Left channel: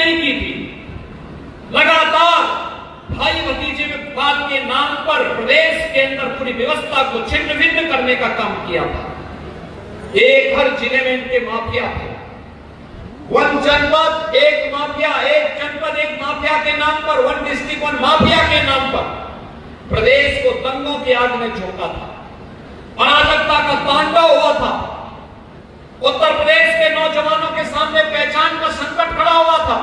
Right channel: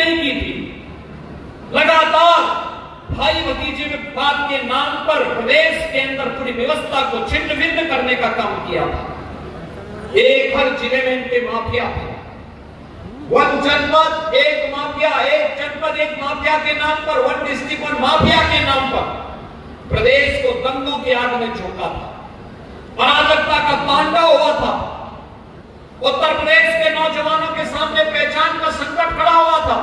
नहीं की थी। लगातार भाई भतीजे विवाद के नाम पर प्रदेश के अंदर पूरी व्यवस्था को छिन्न भिन्न करने का काम किया था। एक हर जिले में इनके माफिया थे। वन जनपद एक माफिया, एक जनपद एक माफिया के नाम पर, वन डिस्ट्रिक्ट वन माफिया के नाम पर प्रदेश को दंगों की आग में झोंका था। अराजकता का तांडव हुआ था। उत्तर प्रदेश के नौजवानों के सामने पहचान का संकट खड़ा हुआ था।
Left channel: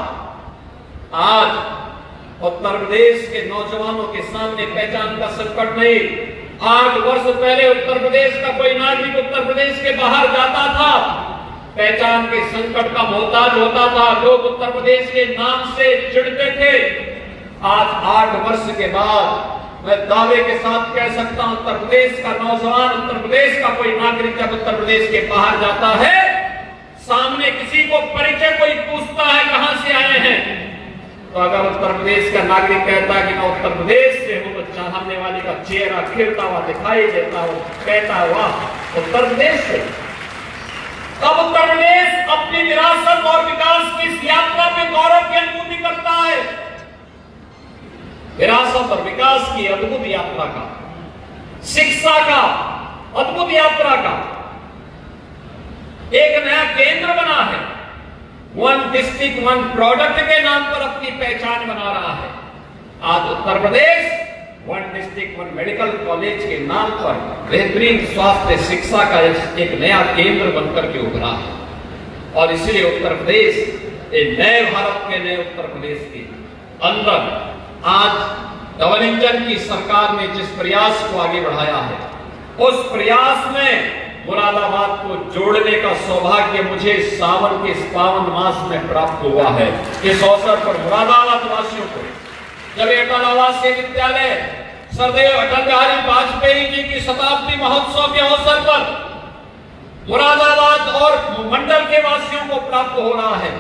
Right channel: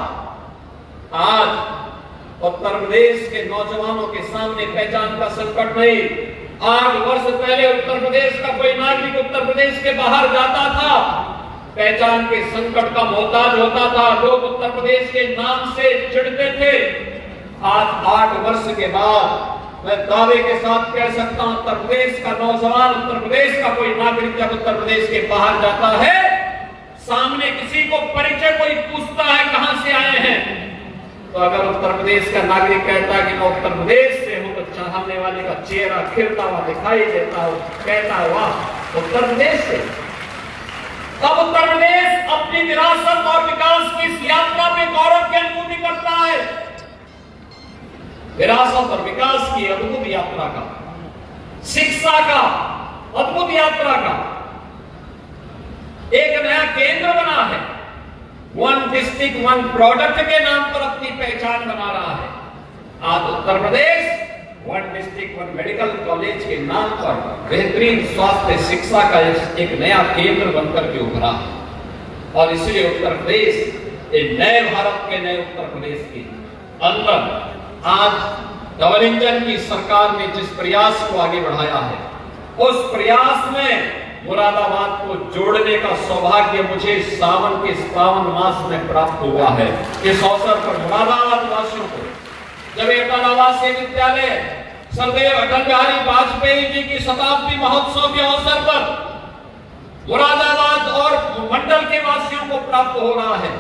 आज उत्तर प्रदेश के नौजवानों के सामने पहचान का संकट नहीं। 8 वर्ष पहले उत्तर प्रदेश का कोई नागरिक उत्तर प्रदेश के बाहर जाता था, पहचान के संकट का मोहताज होता था। लोग उत्तर प्रदेश के नाम से चिढ़ते थे। आज 8 वर्ष के बाद मैं दावे के साथ कह सकता हूं, उत्तर प्रदेश का नौजवान, उत्तर प्रदेश का कोई नागरिक जब उत्तर प्रदेश के बाहर जाता है, सामने किसी को परिचय कोई पूछता है कहां से आए हैं, तो अगर उत्तर प्रदेश का नागरिक कहता है कि मैं उत्तर प्रदेश से हूं, तो चाहने वाले का चेहरा खिलता हुआ दिखाई देता हो, कहता हुआ उत्तर प्रदेश से। अब उत्तर प्रदेश अपनी विरासत और विकास की इस यात्रा में गौरव की अनुभूति करता है। विरासत और विकास की अद्भुत यात्रा का, शिक्षा का अद्भुत यात्रा का एक नया केंद्र बना है। वन डिस्ट्रिक्ट वन प्रोडक्ट के नाम पर अपनी पहचान बना रहा है। आज Uttar Pradesh one district one medical college के नाम पर बेहतरीन स्वास्थ्य शिक्षा का एक नया केंद्र बनकर के उभरा है। और इसलिए उत्तर प्रदेश एक नए भारत के नए उत्तर प्रदेश के अंदर आज डबल इंजन की सरकार ने जिस प्रयास को आगे बढ़ाया है, उस प्रयास में मुरादाबाद को जोड़ने का सौभाग्य मुझे सावन के पावन मास में प्राप्त हुआ है। इस अवसर पर मुरादाबाद वासियों को जब एक आवासीय विद्यालय सरदेव अटल बिहारी वाजपेयी जी की शताब्दी महोत्सव के अवसर पर मुरादाबाद और मंडल के वासियों को प्राप्त हो रहा है,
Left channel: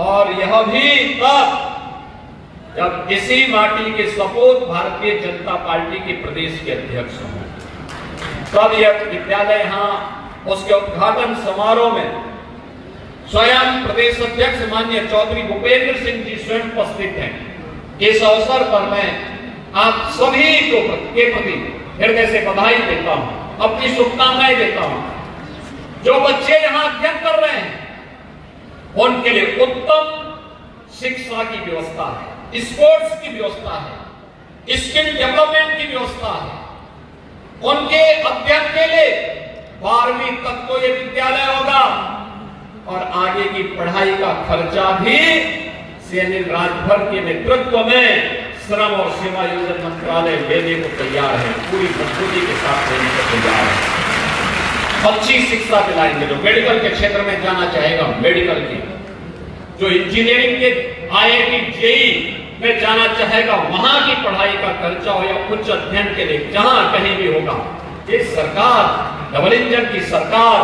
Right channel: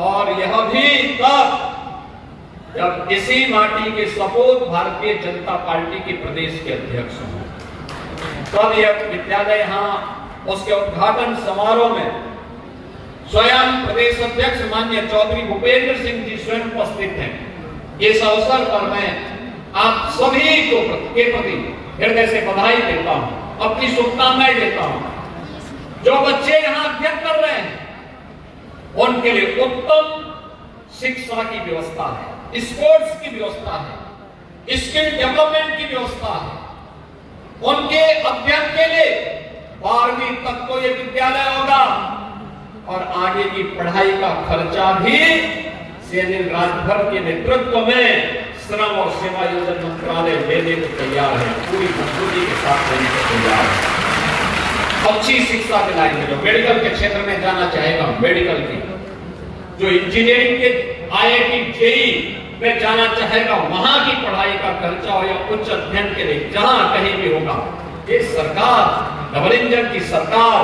और यह भी तब जब इसी माटी के सपूत भारतीय जनता पार्टी के प्रदेश के अध्यक्ष हैं। तब यह विद्यालय यहां उसके उद्घाटन समारोह में स्वयं प्रदेश अध्यक्ष माननीय चौधरी भूपेंद्र सिंह जी स्वयं उपस्थित हैं। इस अवसर पर मैं आप सभी को के प्रति हृदय से बधाई देता हूं, अपनी शुभकामनाएं देता हूं। जो बच्चे यहां अध्ययन कर रहे हैं उनके लिए उत्तम शिक्षा की व्यवस्था है, स्पोर्ट्स की व्यवस्था है, स्किल डेवलपमेंट की व्यवस्था है। उनके अध्ययन के लिए 12वीं तक तो ये विद्यालय होगा, और आगे की पढ़ाई का खर्चा भी सीएम राजभर के नेतृत्व में श्रम और सीमायोजन मंत्रालय देने को तैयार है, पूरी मजबूती के साथ देने को तैयार है। अच्छी शिक्षा दिलाएंगे। जो मेडिकल के क्षेत्र में जाना चाहेगा, मेडिकल की, जो इंजीनियरिंग के IIT JEE में जाना चाहेगा, वहां की पढ़ाई का खर्चा हो या उच्च अध्ययन के लिए जहां कहीं भी होगा, ये सरकार, डबल इंजन की सरकार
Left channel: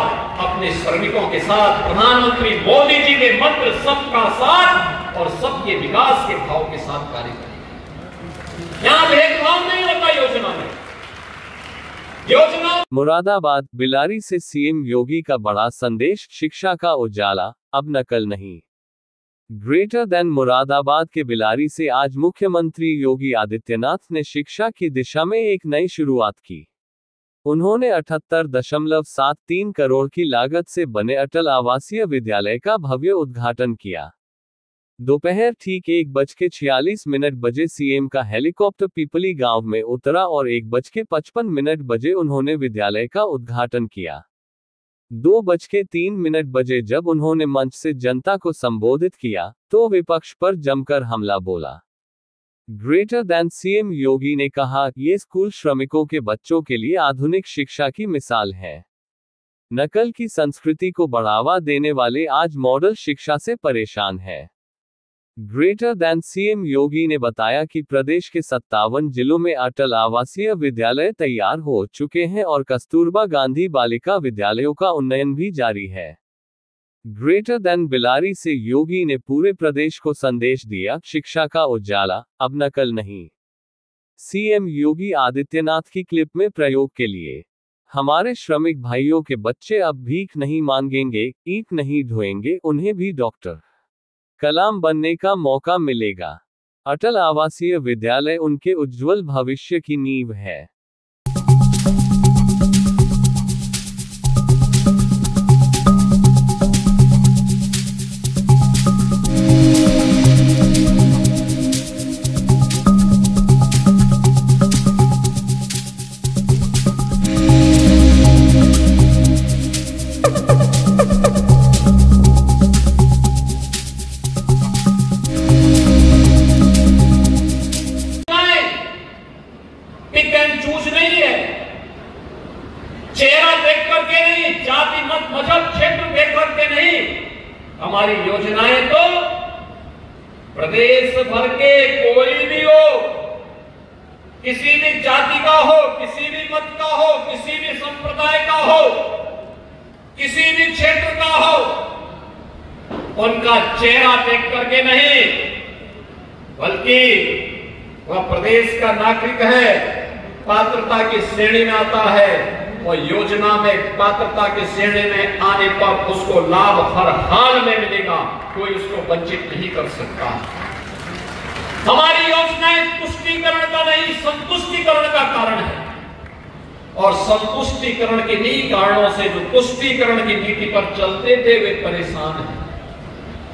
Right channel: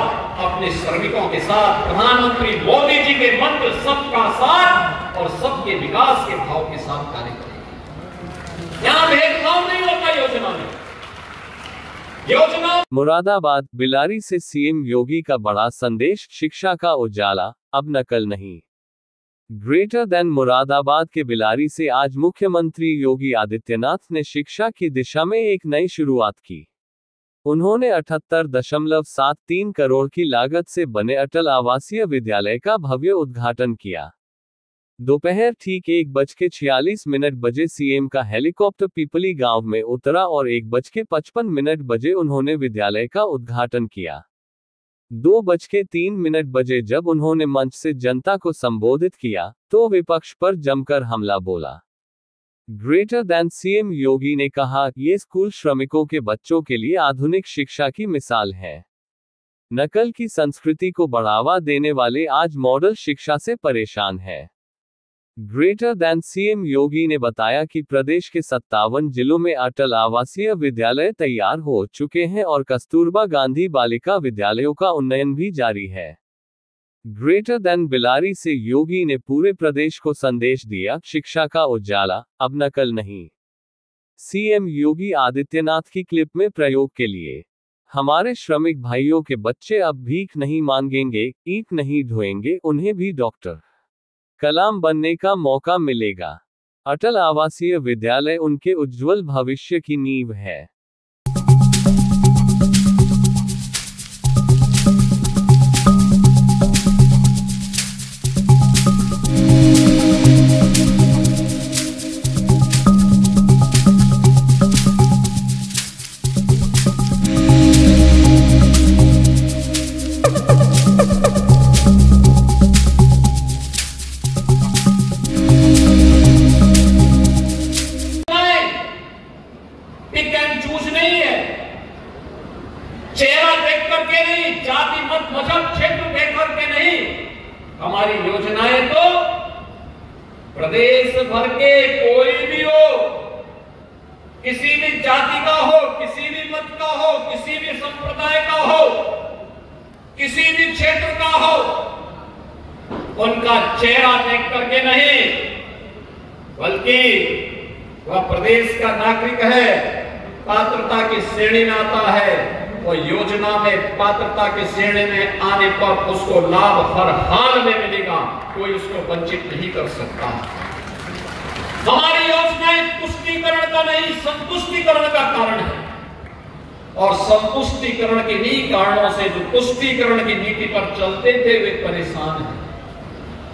अपने श्रमिकों के साथ प्रधानमंत्री मोदी जी के मंत्र सबका साथ और सबके विकास के भाव के साथ कार्य करेगी। यहां भेदभाव नहीं होता योजना में। योजना मुरादाबाद बिलारी से सीएम योगी का बड़ा संदेश, शिक्षा का उजाला अब नकल नहीं। ग्रेटर देन मुरादाबाद के बिलारी से आज मुख्यमंत्री योगी आदित्यनाथ ने शिक्षा की दिशा में एक नई शुरुआत की। उन्होंने 78.73 करोड़ की लागत से बने अटल आवासीय विद्यालय का भव्य उद्घाटन किया। दोपहर ठीक 1:46 बजे सीएम का हेलीकॉप्टर पिपली गांव में उतरा और 1:55 बजे उन्होंने विद्यालय का उद्घाटन किया। 2:03 बजे जब उन्होंने मंच से जनता को संबोधित किया, तो विपक्ष पर जमकर हमला बोला। ग्रेटर देन सीएम योगी ने कहा, ये स्कूल श्रमिकों के बच्चों के लिए आधुनिक शिक्षा की मिसाल है। नकल की संस्कृति को बढ़ावा देने वाले आज मॉडल शिक्षा से परेशान है। ग्रेटर देन सीएम योगी ने बताया कि प्रदेश के 57 जिलों में अटल आवासीय विद्यालय तैयार हो चुके हैं और कस्तूरबा गांधी बालिका विद्यालयों का उन्नयन भी जारी है। ग्रेटर देन बिलारी से योगी ने पूरे प्रदेश को संदेश दिया, शिक्षा का उजाला अब नकल नहीं। सीएम योगी आदित्यनाथ की क्लिप में प्रयोग के लिए, हमारे श्रमिक भाइयों के बच्चे अब भीख नहीं मांगेंगे, ईंट नहीं ढोएंगे, उन्हें भी डॉक्टर कलाम बनने का मौका मिलेगा। अटल आवासीय विद्यालय उनके उज्जवल भविष्य की नींव है। पिक एंड चूज नहीं है, चेहरा देख करके नहीं, जाति मत मजहब क्षेत्र देख करके नहीं। हमारी योजनाएं तो प्रदेश भर के कोई भी हो, किसी भी जाति का हो, किसी भी मत का हो, किसी भी संप्रदाय का हो, किसी भी क्षेत्र का हो, उनका चेहरा देख करके नहीं, बल्कि वह प्रदेश का नागरिक है, पात्रता की श्रेणी में आता है, और योजना में पात्रता की श्रेणी में आने पर उसको लाभ हर हाल में मिलेगा, कोई उसको वंचित नहीं कर सकता। हमारी योजनाएं तुष्टीकरण का नहीं, संतुष्टीकरण का कारण है, और संतुष्टीकरण के ही कारणों से जो तुष्टीकरण की नीति पर चलते थे वे परेशान हैं,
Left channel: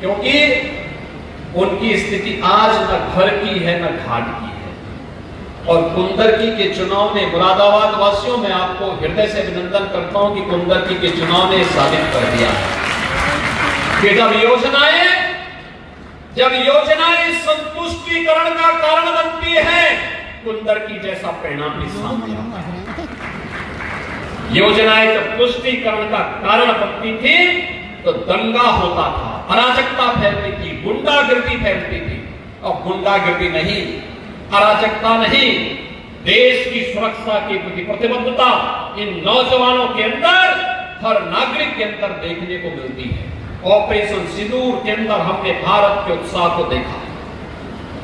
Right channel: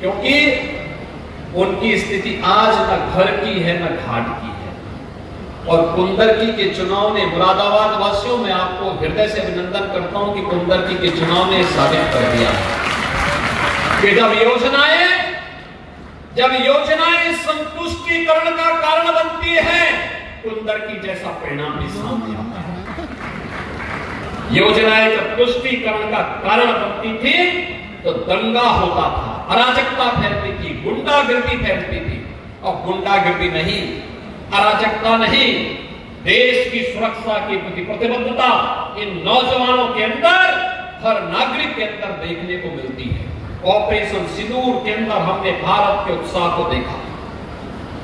क्योंकि उनकी स्थिति आज न घर की है न घाट की है। और कुंदरकी के चुनाव में मुरादाबाद वासियों में आपको हृदय से अभिनंदन करता हूं कि कुंदरकी के चुनाव ने साबित कर दिया कि जब योजनाएं संतुष्टीकरण का कारण बनती है, कुंदरकी जैसा परिणाम भी सामने आता है। योजनाएं जब तुष्टीकरण का कारण बनती थी तो दंगा होता था, अराजकता फैलती थी, गुंडागर्दी फैलती थी। और गुंडागर्दी नहीं, अराजकता नहीं, देश की सुरक्षा की प्रति प्रतिबद्धता इन नौजवानों के अंदर, हर नागरिक के अंदर देखने को मिलती है। ऑपरेशन सिंदूर के अंदर हमने भारत के उत्साह को देखा।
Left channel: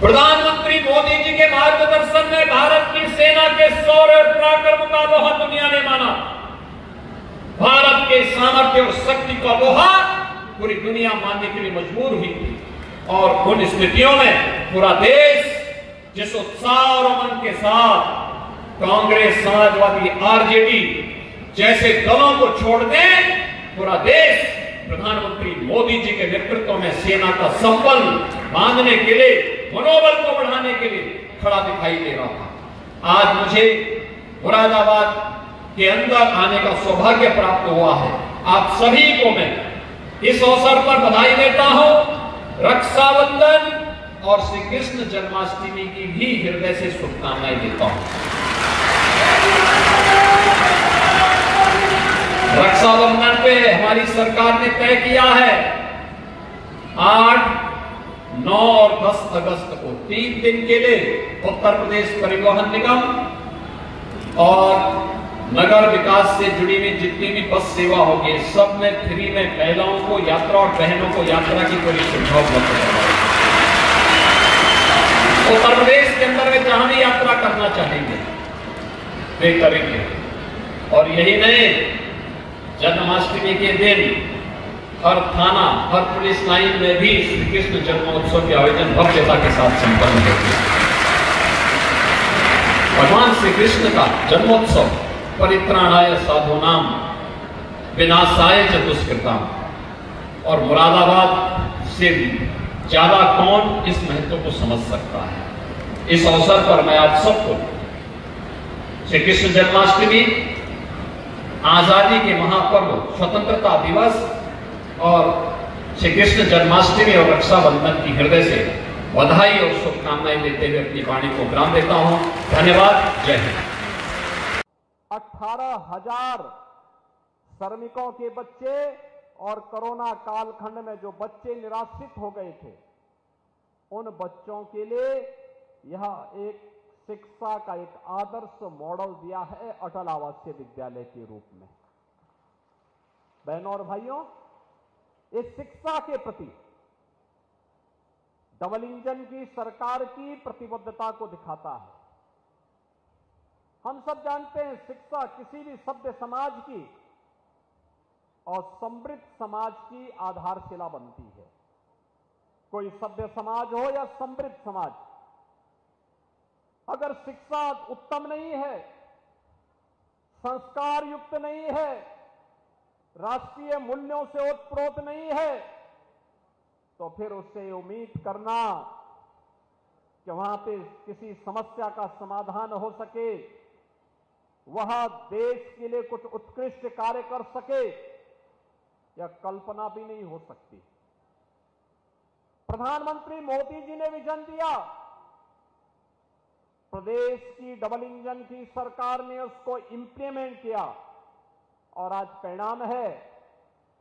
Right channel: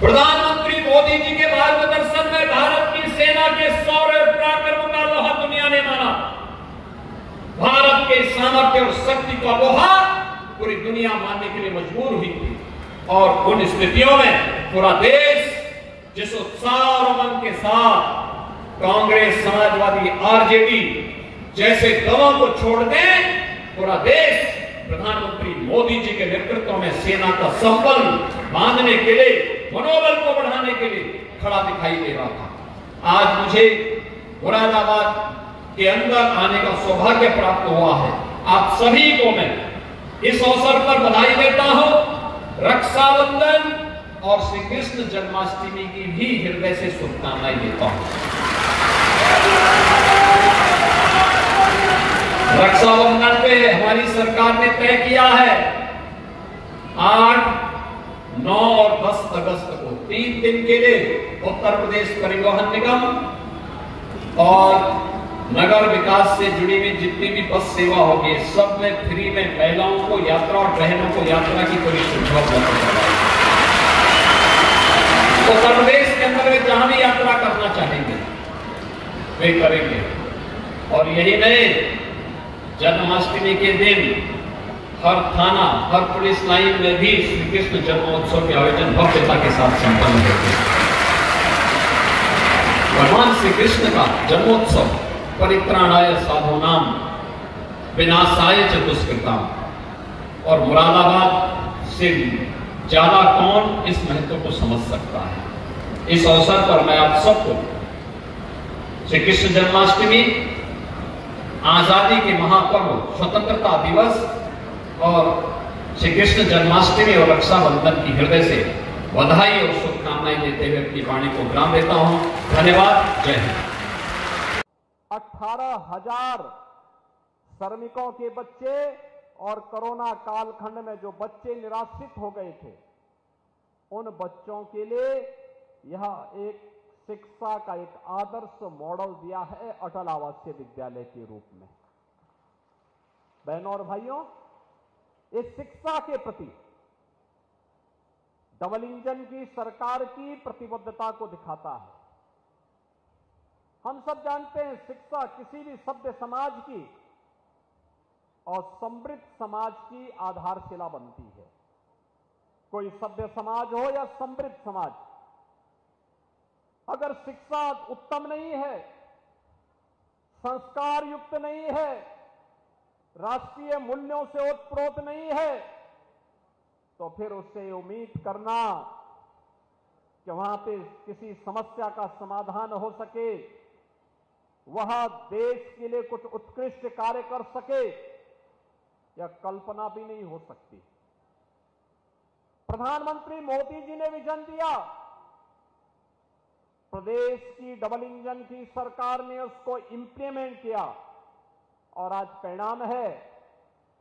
प्रधानमंत्री मोदी जी के मार्गदर्शन में भारत की सेना के शौर्य और पराक्रम का लोहा दुनिया ने माना। भारत के सामर्थ्य और शक्ति का लोहा पूरी दुनिया मानने के लिए मजबूर हुई थी। और उन स्थितियों में पूरा देश जिस उत्साह और उमंग के साथ कांग्रेस, समाजवादी, आरजेडी जैसे दलों को छोड़ दें, पूरा देश प्रधानमंत्री मोदी जी के नेतृत्व में सेना का संबल बांधने के लिए, मनोबल को बढ़ाने के लिए खड़ा दिखाई दे रहा था। आज मुझे मुरादाबाद के अंदर आने का सौभाग्य प्राप्त हुआ है। आप सभी को मैं इस अवसर पर बधाई देता हूं। रक्षाबंधन और श्री कृष्ण जन्माष्टमी की भी हृदय से शुभकामनाएं देता हूं। रक्षाबंधन पे हमारी सरकार ने तय किया है 8, 9 और 10 अगस्त को 3 दिन के लिए उत्तर प्रदेश परिवहन निगम और नगर विकास से जुड़ी हुई जितनी भी बस सेवा होगी, सब में फ्री में महिलाओं को यात्रा और बहनों को यात्रा की कोई सुविधा उपलब्ध है। उत्तर प्रदेश के अंदर जहां भी यात्रा करना चाहेंगे वे करेंगे। और यही नहीं, जन्माष्टमी के दिन हर थाना, हर पुलिस लाइन में भी श्री कृष्ण जन्मोत्सव के आयोजन भव्यता के साथ संपन्न होते हैं। भगवान श्री कृष्ण का जन्मोत्सव परित्राणाय साधूनां विनाशाय च दुष्कृतां, और मुरादाबाद से ज्यादा कौन इस महत्व को समझ सकता है। इस अवसर पर मैं आप सबको श्री कृष्ण जन्माष्टमी, आजादी के महापर्व स्वतंत्रता दिवस और श्री कृष्ण जन्माष्टमी और रक्षाबंधन की हृदय से बधाई और शुभकामनाएं देते हुए अपनी वाणी को विराम देता हूं। धन्यवाद। जय हिंद। 18,000 श्रमिकों के बच्चे और कोरोना कालखंड में जो बच्चे निराश्रित हो गए थे, उन बच्चों के लिए यह एक शिक्षा का एक आदर्श मॉडल दिया है अटल आवासीय विद्यालय के रूप में। बहनों और भाइयों, इस शिक्षा के प्रति डबल इंजन की सरकार की प्रतिबद्धता को दिखाता है। हम सब जानते हैं, शिक्षा किसी भी सभ्य समाज की और समृद्ध समाज की आधारशिला बनती है। कोई सभ्य समाज हो या समृद्ध समाज, अगर शिक्षा उत्तम नहीं है, संस्कार युक्त नहीं है, राष्ट्रीय मूल्यों से ओतप्रोत नहीं है, तो फिर उससे उम्मीद करना कि वहां पे किसी समस्या का समाधान हो सके, वह देश के लिए कुछ उत्कृष्ट कार्य कर सके, यह कल्पना भी नहीं हो सकती। प्रधानमंत्री मोदी जी ने विजन दिया, प्रदेश की डबल इंजन की सरकार ने उसको इंप्लीमेंट किया और आज परिणाम है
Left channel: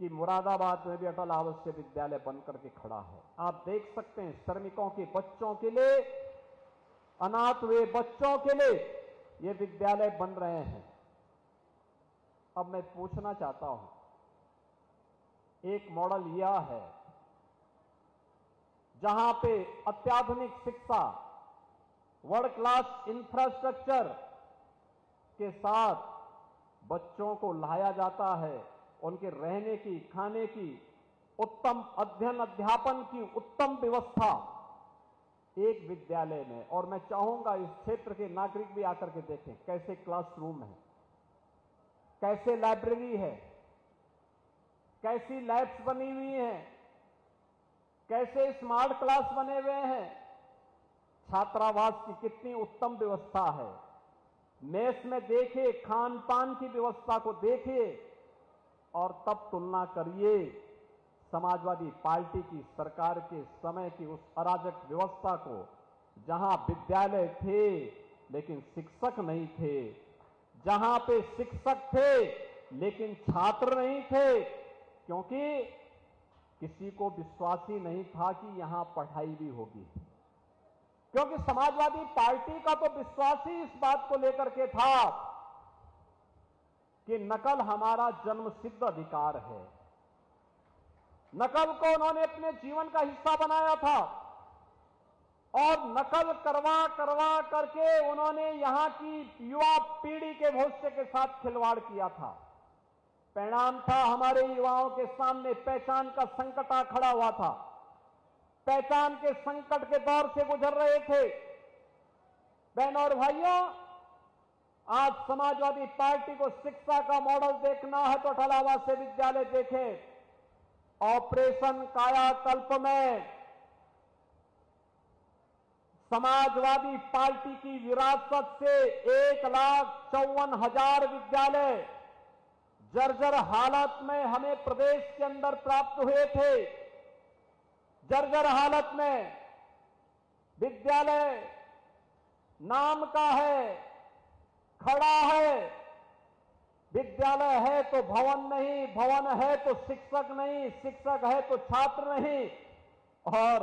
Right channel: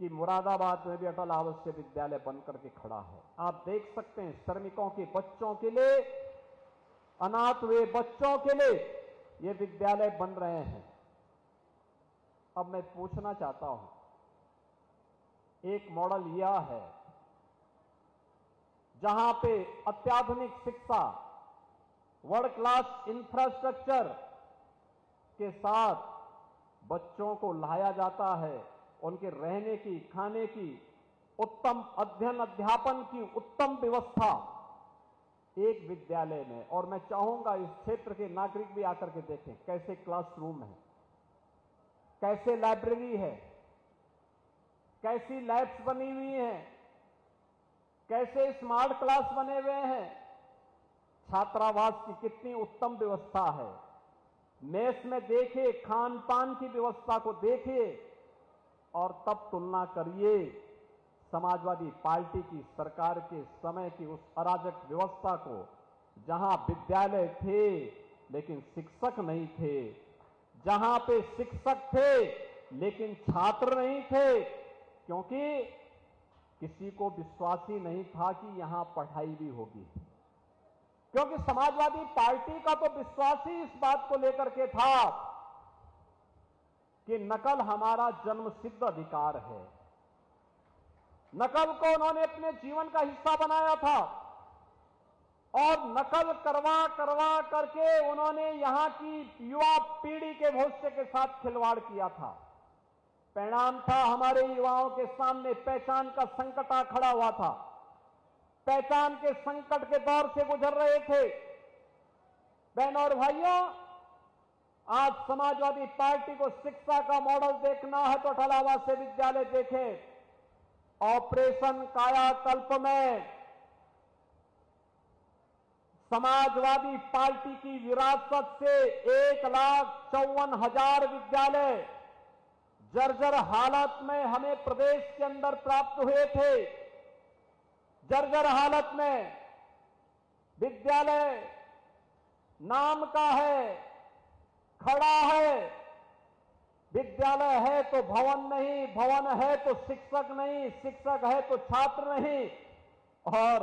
कि मुरादाबाद में भी अटल आवासीय विद्यालय बनकर के खड़ा है। आप देख सकते हैं, श्रमिकों के बच्चों के लिए, अनाथ हुए बच्चों के लिए ये विद्यालय बन रहे हैं। अब मैं पूछना चाहता हूं, एक मॉडल यह है जहां पे अत्याधुनिक शिक्षा, वर्ल्ड क्लास इंफ्रास्ट्रक्चर के साथ बच्चों को लाया जाता है, उनके रहने की, खाने की, उत्तम अध्ययन अध्यापन की उत्तम व्यवस्था एक विद्यालय में। और मैं चाहूंगा इस क्षेत्र के नागरिक भी आकर के देखें कैसे क्लासरूम है, कैसे लाइब्रेरी है, कैसी लैब्स बनी हुई हैं, कैसे स्मार्ट क्लास बने हुए हैं, छात्रावास की कितनी उत्तम व्यवस्था है। मेस में देखिए, खान पान की व्यवस्था को देखिए और तब तुलना करिए समाजवादी पार्टी की सरकार के समय की उस अराजक व्यवस्था को, जहां विद्यालय थे लेकिन शिक्षक नहीं थे, जहां पे शिक्षक थे लेकिन छात्र नहीं थे, क्योंकि किसी को विश्वास ही नहीं था कि यहां पढ़ाई भी होगी। क्योंकि समाजवादी पार्टी का तो विश्वास ही इस बात को लेकर के था कि नकल हमारा जन्मसिद्ध अधिकार है। नकल को उन्होंने अपने जीवन का हिस्सा बनाया था और नकल करवा करवा करके उन्होंने यहां की युवा पीढ़ी के भविष्य के साथ खिलवाड़ किया था। परिणाम था, हमारे युवाओं के सामने पहचान का संकट आ खड़ा हुआ था। पहचान के संकट के दौर से गुजर रहे थे। बहनों और भाइयों, आज समाजवादी पार्टी को शिक्षा का मॉडल देखना है तो अटल आवासीय विद्यालय देखें। ऑपरेशन कायाकल्प में समाजवादी पार्टी की विरासत से 1,54,000 विद्यालय जर्जर हालत में हमें प्रदेश के अंदर प्राप्त हुए थे। जर्जर हालत में विद्यालय नाम का है, खड़ा है, विद्यालय है तो भवन नहीं, भवन है तो शिक्षक नहीं, शिक्षक है तो छात्र नहीं, और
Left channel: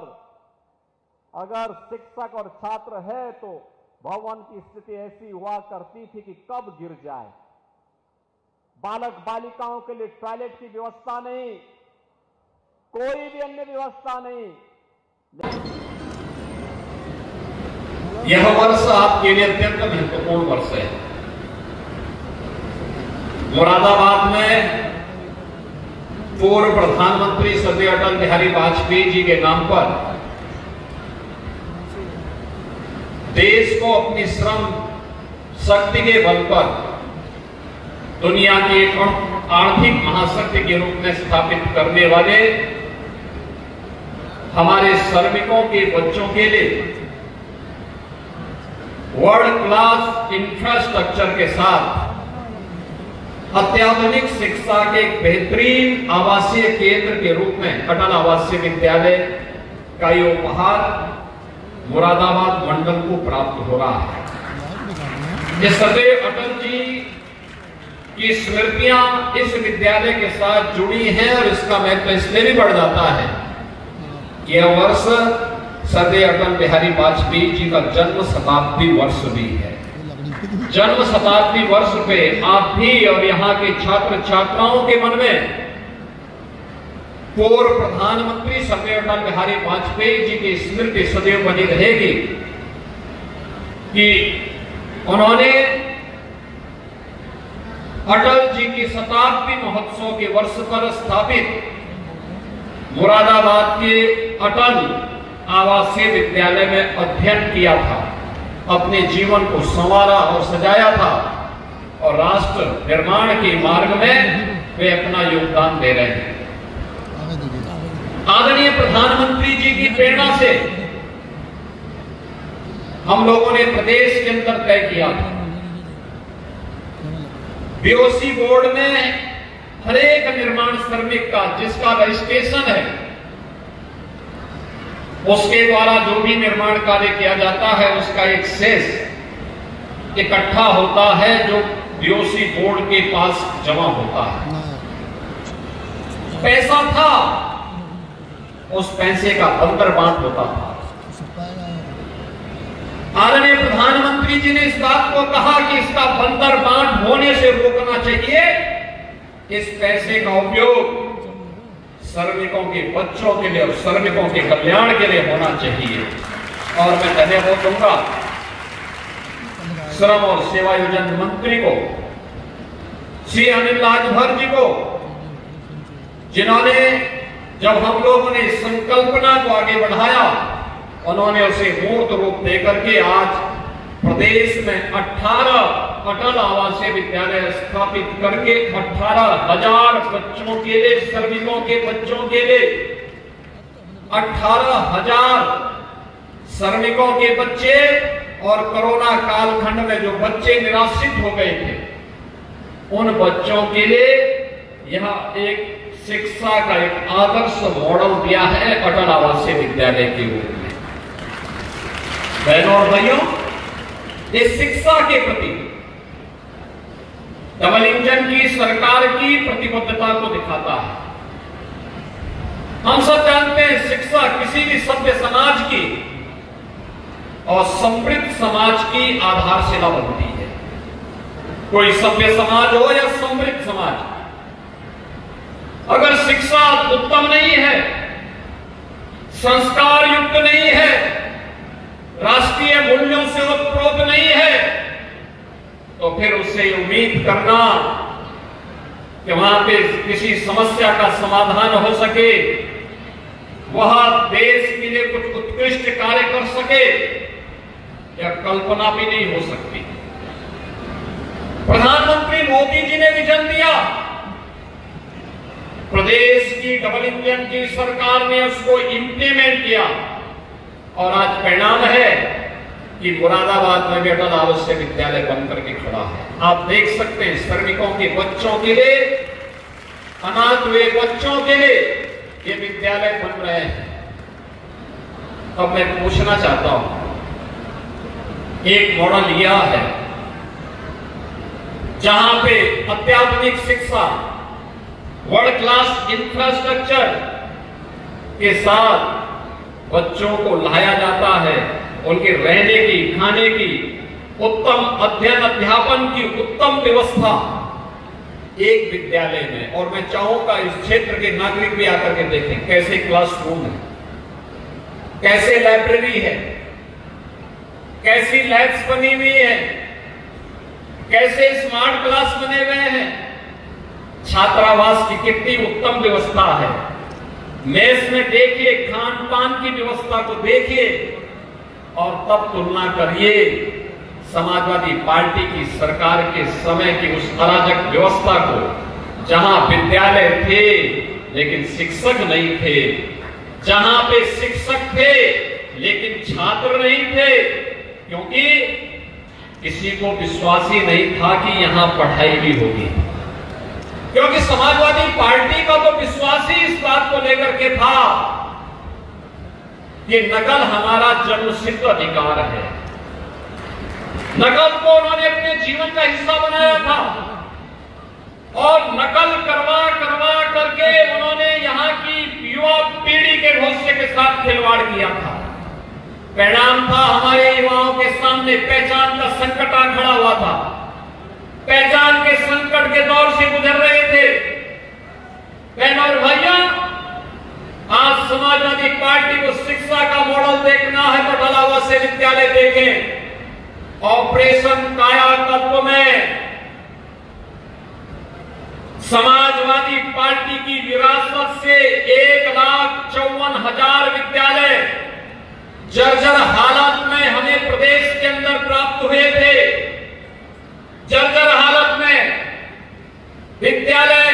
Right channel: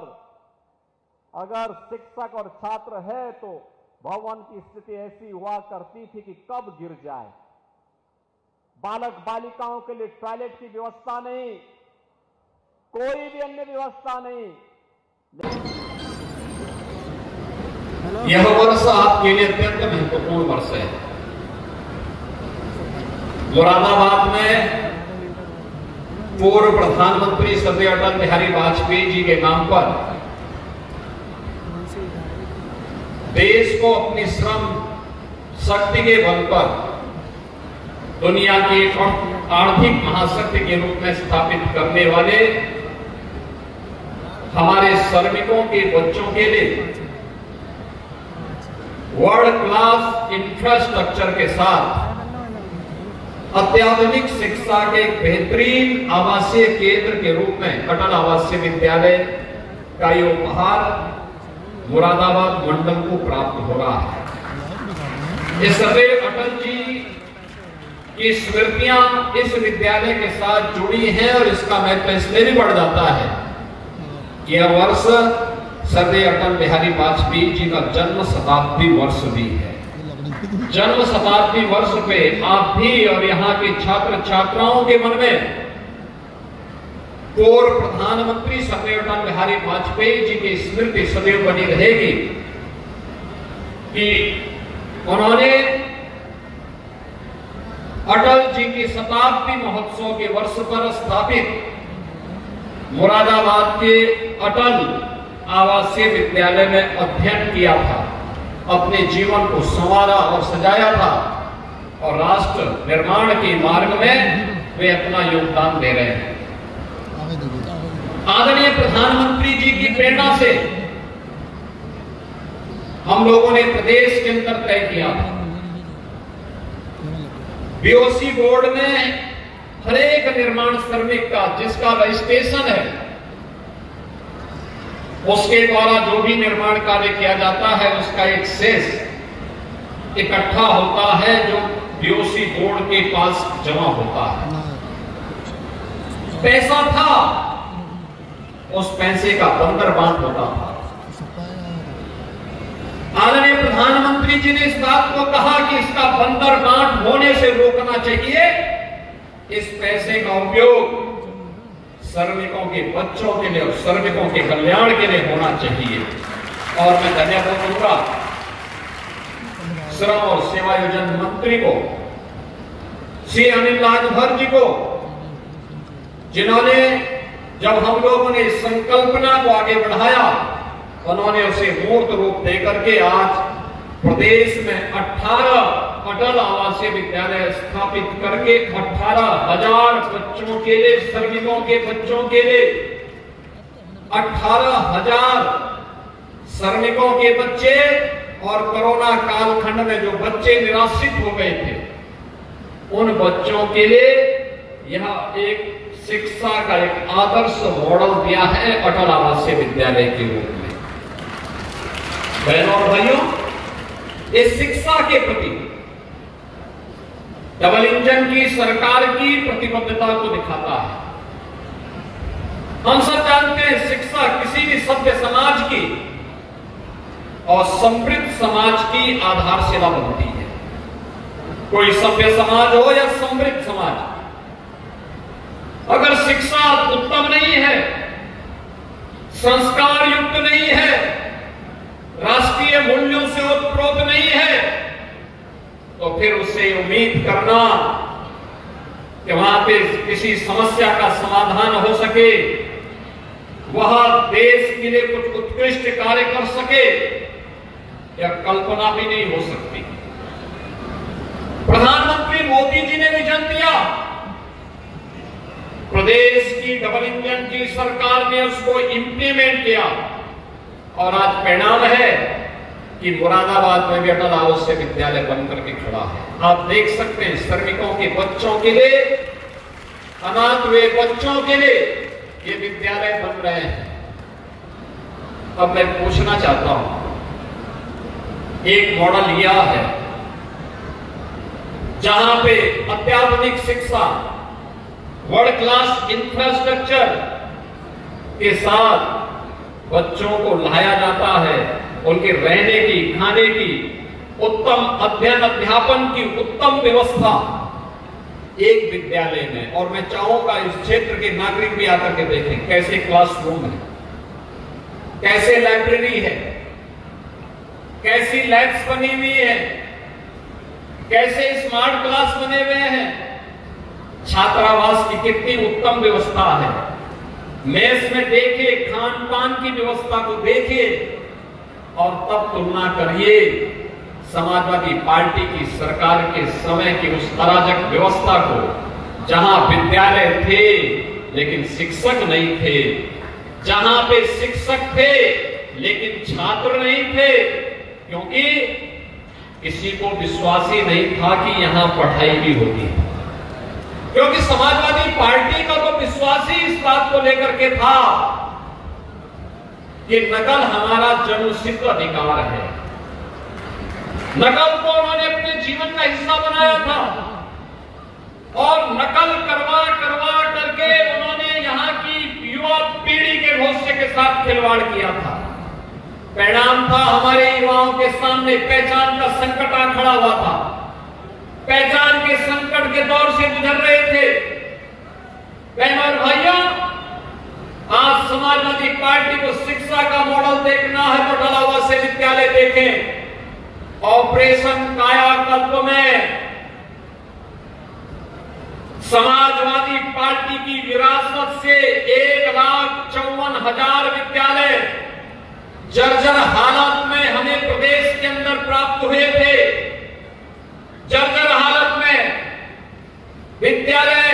अगर शिक्षक और छात्र है तो भवन की स्थिति ऐसी हुआ करती थी कि कब गिर जाए। बालक बालिकाओं के लिए टॉयलेट की व्यवस्था नहीं, कोई भी अन्य व्यवस्था नहीं। यह वर्ष आपके लिए अत्यंत महत्वपूर्ण वर्ष है। मुरादाबाद में पूर्व प्रधानमंत्री स्वर्गीय अटल बिहारी वाजपेयी जी के नाम पर देश को अपनी श्रम शक्ति के बल पर दुनिया के आर्थिक महाशक्ति के रूप में स्थापित करने वाले हमारे श्रमिकों के बच्चों के लिए वर्ल्ड क्लास इंफ्रास्ट्रक्चर के साथ अत्याधुनिक शिक्षा के एक बेहतरीन आवासीय केंद्र के रूप में अटल आवासीय विद्यालय का ये उपहार मुरादाबाद मंडल को प्राप्त हो रहा है। ये सदैव अटल जी की स्मृतियां इस विद्यालय के साथ जुड़ी हैं और इसका महत्व इसमें भी बढ़ जाता है कि यह वर्ष सदैव अटल बिहारी वाजपेयी जी का जन्म शताब्दी वर्ष भी है। जन्म शताब्दी वर्ष पे आप भी और यहाँ के छात्र छात्राओं के मन में पूर्व प्रधानमंत्री स्वर्गीय अटल बिहारी वाजपेयी जी की स्मृति सदैव बनी रहेगी कि उन्होंने अटल जी की शताब्दी महोत्सव के वर्ष पर स्थापित मुरादाबाद के अटल आवासीय विद्यालय में अध्ययन किया था, अपने जीवन को संवारा और सजाया था और राष्ट्र निर्माण के मार्ग में वे अपना योगदान दे रहे हैं। आदरणीय प्रधानमंत्री जी की प्रेरणा से हम लोगों ने प्रदेश के अंदर तय किया था, बीओसी बोर्ड में हर एक निर्माण श्रमिक का जिसका रजिस्ट्रेशन है उसके द्वारा जो भी निर्माण कार्य किया जाता है उसका एक शेष इकट्ठा होता है जो बीओसी बोर्ड के पास जमा होता है। पैसा था, उस पैसे का बंदरबांट होता था। आदरणीय प्रधानमंत्री जी ने इस बात को कहा कि इसका बंदरबांट होने से रोकना चाहिए, इस पैसे का उपयोग श्रमिकों के बच्चों के लिए और श्रमिकों के कल्याण के लिए होना चाहिए। और मैं धन्यवाद दूंगा श्रम और सेवायोजन मंत्री को, श्री अनिल राजभर जी को, जिन्होंने जब हम लोगों ने इस संकल्पना को आगे बढ़ाया उन्होंने उसे मूर्त रूप देकर के आज प्रदेश में 18 अटल आवासीय विद्यालय स्थापित करके 18,000 बच्चों के लिए, श्रमिकों के बच्चों के लिए 18,000 श्रमिकों के बच्चे और कोरोना कालखंड में जो बच्चे निराश्रित हो गए थे उन बच्चों के लिए यह एक शिक्षा का एक आदर्श मॉडल दिया है अटल आवासीय विद्यालय के रूप में। बहनों और भाइयों, इस शिक्षा के प्रति डबल इंजन की सरकार की प्रतिबद्धता को दिखाता है। हम सब जानते हैं शिक्षा किसी भी सभ्य समाज की और समृद्ध समाज की आधारशिला बनती है। कोई सभ्य समाज हो या समृद्ध समाज, अगर शिक्षा उत्तम नहीं है, संस्कार युक्त नहीं है, राष्ट्रीय मूल्यों से ओतप्रोत नहीं है, तो फिर उससे उम्मीद करना कि वहां पे किसी समस्या का समाधान हो सके, वहां देश के लिए कुछ उत्कृष्ट कार्य कर सके, यह कल्पना भी नहीं हो सकती। प्रधानमंत्री मोदी जी ने विजन दिया, प्रदेश की डबल इंजन की सरकार ने उसको इंप्लीमेंट किया और आज परिणाम है कि मुरादाबाद में भी अटल आवासीय विद्यालय बनकर के खड़ा है। आप देख सकते हैं श्रमिकों के बच्चों के लिए, अनाथ हुए बच्चों के लिए ये विद्यालय बन रहे हैं। अब मैं पूछना चाहता हूं, एक मॉडल यह है जहां पे अत्याधुनिक शिक्षा, वर्ल्ड क्लास इंफ्रास्ट्रक्चर के साथ बच्चों को लाया जाता है, उनके रहने की, खाने की, उत्तम अध्ययन अध्यापन की उत्तम व्यवस्था एक विद्यालय में। और मैं चाहूंगा इस क्षेत्र के नागरिक भी आकर के देखें कैसे क्लासरूम है, कैसे लाइब्रेरी है, कैसी लैब्स बनी हुई है, कैसे स्मार्ट क्लास बने हुए हैं, छात्रावास की कितनी उत्तम व्यवस्था है। मेस में देखिए, खान पान की व्यवस्था को देखिए और तब तुलना करिए समाजवादी पार्टी की सरकार के समय की उस अराजक व्यवस्था को, जहां विद्यालय थे लेकिन शिक्षक नहीं थे, जहां पे शिक्षक थे लेकिन छात्र नहीं थे, क्योंकि किसी को विश्वास ही नहीं था कि यहां पढ़ाई भी होगी। क्योंकि समाजवादी पार्टी का तो विश्वास ही इस बात को लेकर के था कि नकल हमारा जन्मसिद्ध अधिकार है। नकल को उन्होंने अपने जीवन का हिस्सा बनाया था और नकल करवा करवा करके उन्होंने यहां की युवा पीढ़ी के भविष्य के साथ खिलवाड़ किया था। परिणाम था हमारे युवाओं के सामने पहचान का संकट आ खड़ा हुआ था। पहचान के संकट के दौर से गुजर रहे थे। बहनों और भाइयों, आज समाजवादी पार्टी को शिक्षा का मॉडल देखना है तो अटल आवासीय विद्यालय देखें। ऑपरेशन कायाकल्प में समाजवादी पार्टी की विरासत से 1,54,000 विद्यालय जर्जर हालत में हमें प्रदेश के अंदर प्राप्त हुए थे। जर्जर हालत में विद्यालय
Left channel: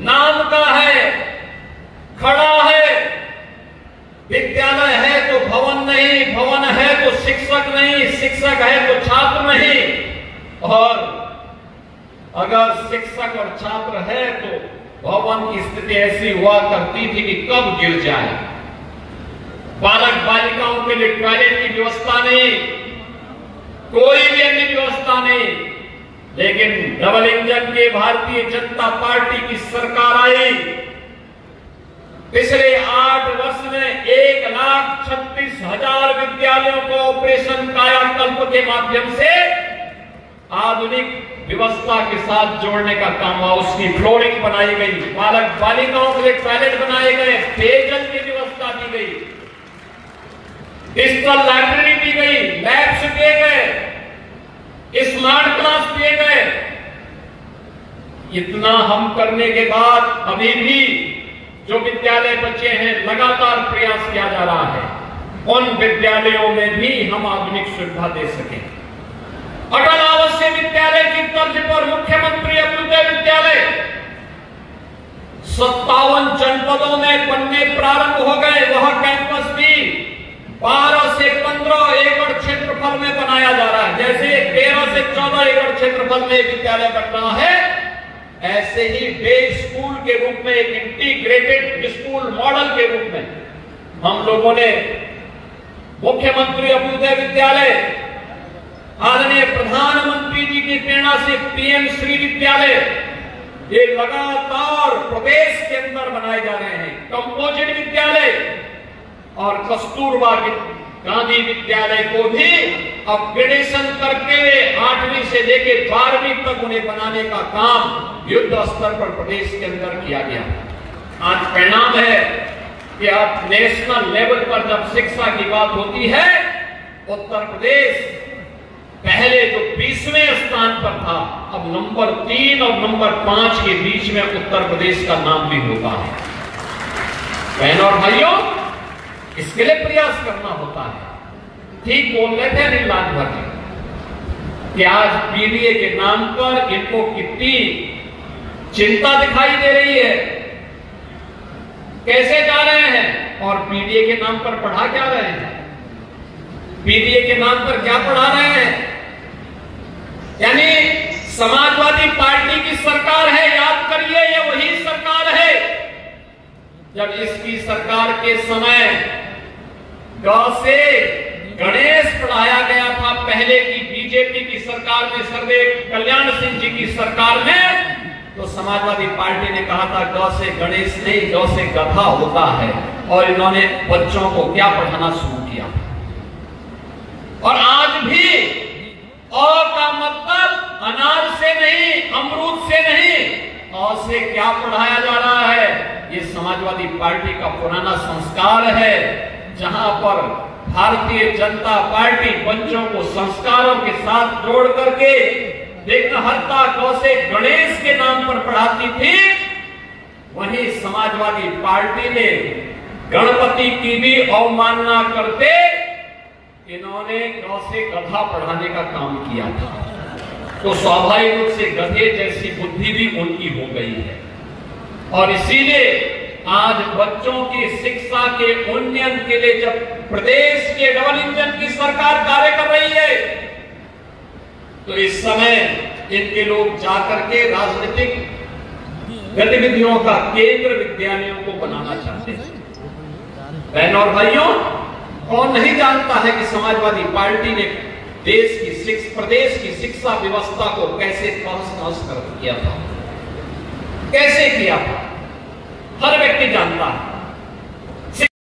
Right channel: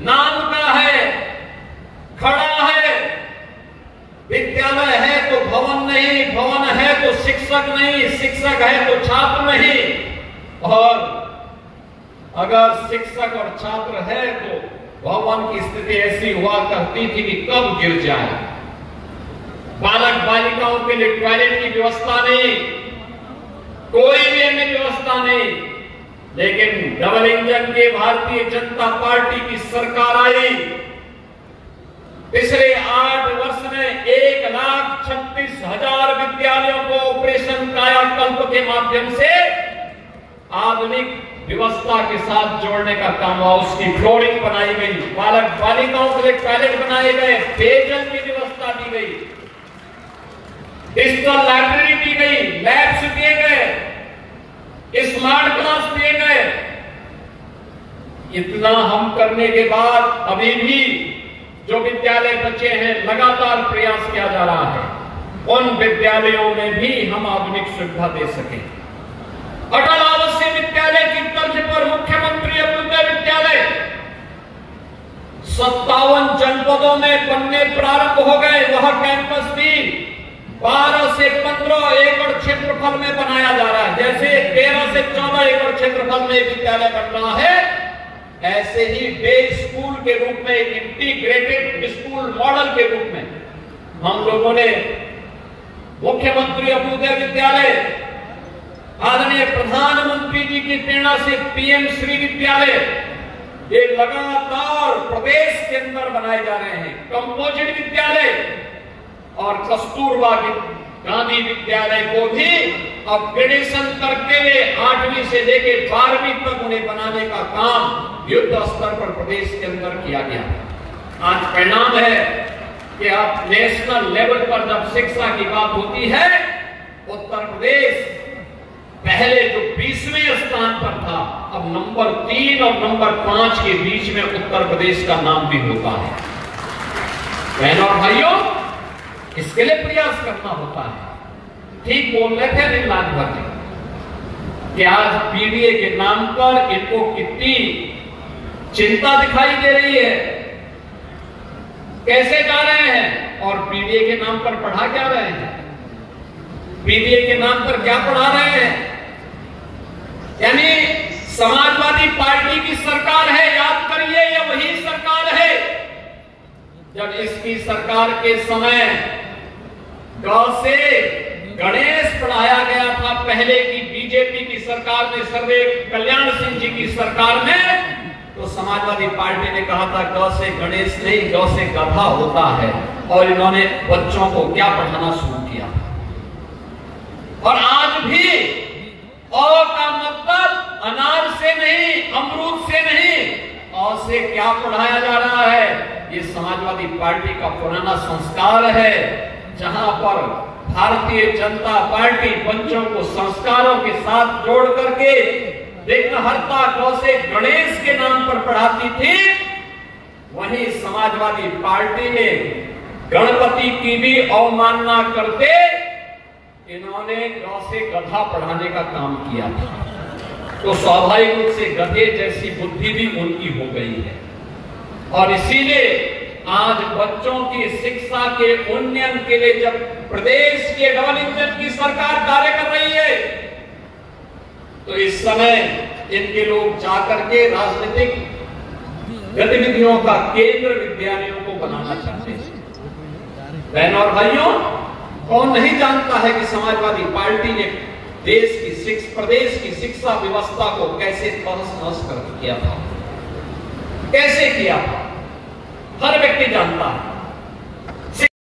नाम का है, खड़ा है, विद्यालय है तो भवन नहीं, भवन है तो शिक्षक नहीं, शिक्षक है तो छात्र नहीं। और अगर शिक्षक और छात्र है तो भवन की स्थिति ऐसी हुआ करती थी कि कब गिर जाए। बालक बालिकाओं के लिए टॉयलेट की व्यवस्था नहीं, कोई भी अन्य व्यवस्था नहीं। लेकिन डबल इंजन की भारतीय जनता पार्टी की सरकार आई, पिछले 8 वर्ष में 1,36,000 विद्यालयों को ऑपरेशन कायाकल्प के माध्यम से आधुनिक व्यवस्था के साथ जोड़ने का काम हुआ। उसकी फ्लोरिंग बनाई गई, बालक बालिकाओं के लिए टॉयलेट बनाए गए, पेयजल की व्यवस्था दी गई, डिजिटल लाइब्रेरी दी गई, लैब्स दिए गए, स्मार्ट क्लास दिए गए। इतना हम करने के बाद अभी भी जो विद्यालय बचे हैं लगातार प्रयास किया जा रहा है उन विद्यालयों में भी हम आधुनिक सुविधा दे सकें। अटल आवासीय विद्यालय की तर्ज पर मुख्यमंत्री अभ्युदय विद्यालय 57 जनपदों में बनने प्रारंभ हो गए। वह कैंपस भी 12 से 15 एकड़ क्षेत्रफल में बनाया जा रहा है। जैसे 13 से 14 एकड़ क्षेत्रफल में विद्यालय बन रहा है, ऐसे ही डे स्कूल के रूप में, एक इंटीग्रेटेड स्कूल मॉडल के रूप में हम लोगों ने मुख्यमंत्री अभ्युदय विद्यालय, आदरणीय प्रधानमंत्री जी की प्रेरणा से पीएम श्री विद्यालय, ये लगातार प्रदेश के अंदर बनाए जा रहे हैं। कंपोजिट विद्यालय और कस्तूरबा गांधी विद्यालय को भी अपग्रेडेशन करके 8वीं से लेकर 12वीं तक उन्हें बनाने का काम युद्ध स्तर पर प्रदेश के अंदर किया गया। आज परिणाम है कि अब नेशनल लेवल पर जब शिक्षा की बात होती है, उत्तर प्रदेश पहले जो 20वें स्थान पर था, अब नंबर 3 और नंबर 5 के बीच में उत्तर प्रदेश का नाम भी होता है। बहनों और भाइयों, इसके लिए प्रयास करना होता है। ठीक बोल रहे थे निर्मला भट्ट कि आज बीडीए के नाम पर इनको कितनी चिंता दिखाई दे रही है, कैसे जा रहे हैं और बीडीए के नाम पर पढ़ा क्या रहे हैं, बीडीए के नाम पर क्या पढ़ा रहे हैं। यानी समाजवादी पार्टी की सरकार है, याद करिए, ये वही सरकार है जब इसकी सरकार के समय गौ से गणेश पढ़ाया गया था। पहले की बीजेपी की सरकार में, सर्वदेव कल्याण सिंह जी की सरकार में, तो समाजवादी पार्टी ने कहा था गौ से गणेश नहीं, गौ से गधा होता है, और इन्होंने बच्चों को क्या पढ़ाना शुरू किया। और आज भी औ का मतलब अनार से नहीं, अमरूद से नहीं, औ से क्या पढ़ाया जा रहा है। ये समाजवादी पार्टी का पुराना संस्कार है, जहां पर भारतीय जनता पार्टी बच्चों को संस्कारों के साथ जोड़ करके विघ्नहर्ता गौ से गणेश के नाम पर पढ़ाती थी, वहीं समाजवादी पार्टी ने गणपति की भी अवमानना करते इन्होंने गौ से गधा पढ़ाने का काम किया था। तो स्वाभाविक रूप से गधे जैसी बुद्धि भी उनकी हो गई है। और इसीलिए आज बच्चों की शिक्षा के उन्नयन के लिए जब प्रदेश के डबल इंजन की सरकार कार्य कर रही है, तो इस समय इनके लोग जाकर के राजनीतिक गतिविधियों का केंद्र विद्यालयों को बनाना चाहते हैं। बहनों और भाइयों, कौन नहीं जानता है कि समाजवादी पार्टी ने प्रदेश की शिक्षा व्यवस्था को कैसे तहस-नहस कर किया था, कैसे किया था, हर व्यक्ति जानता है।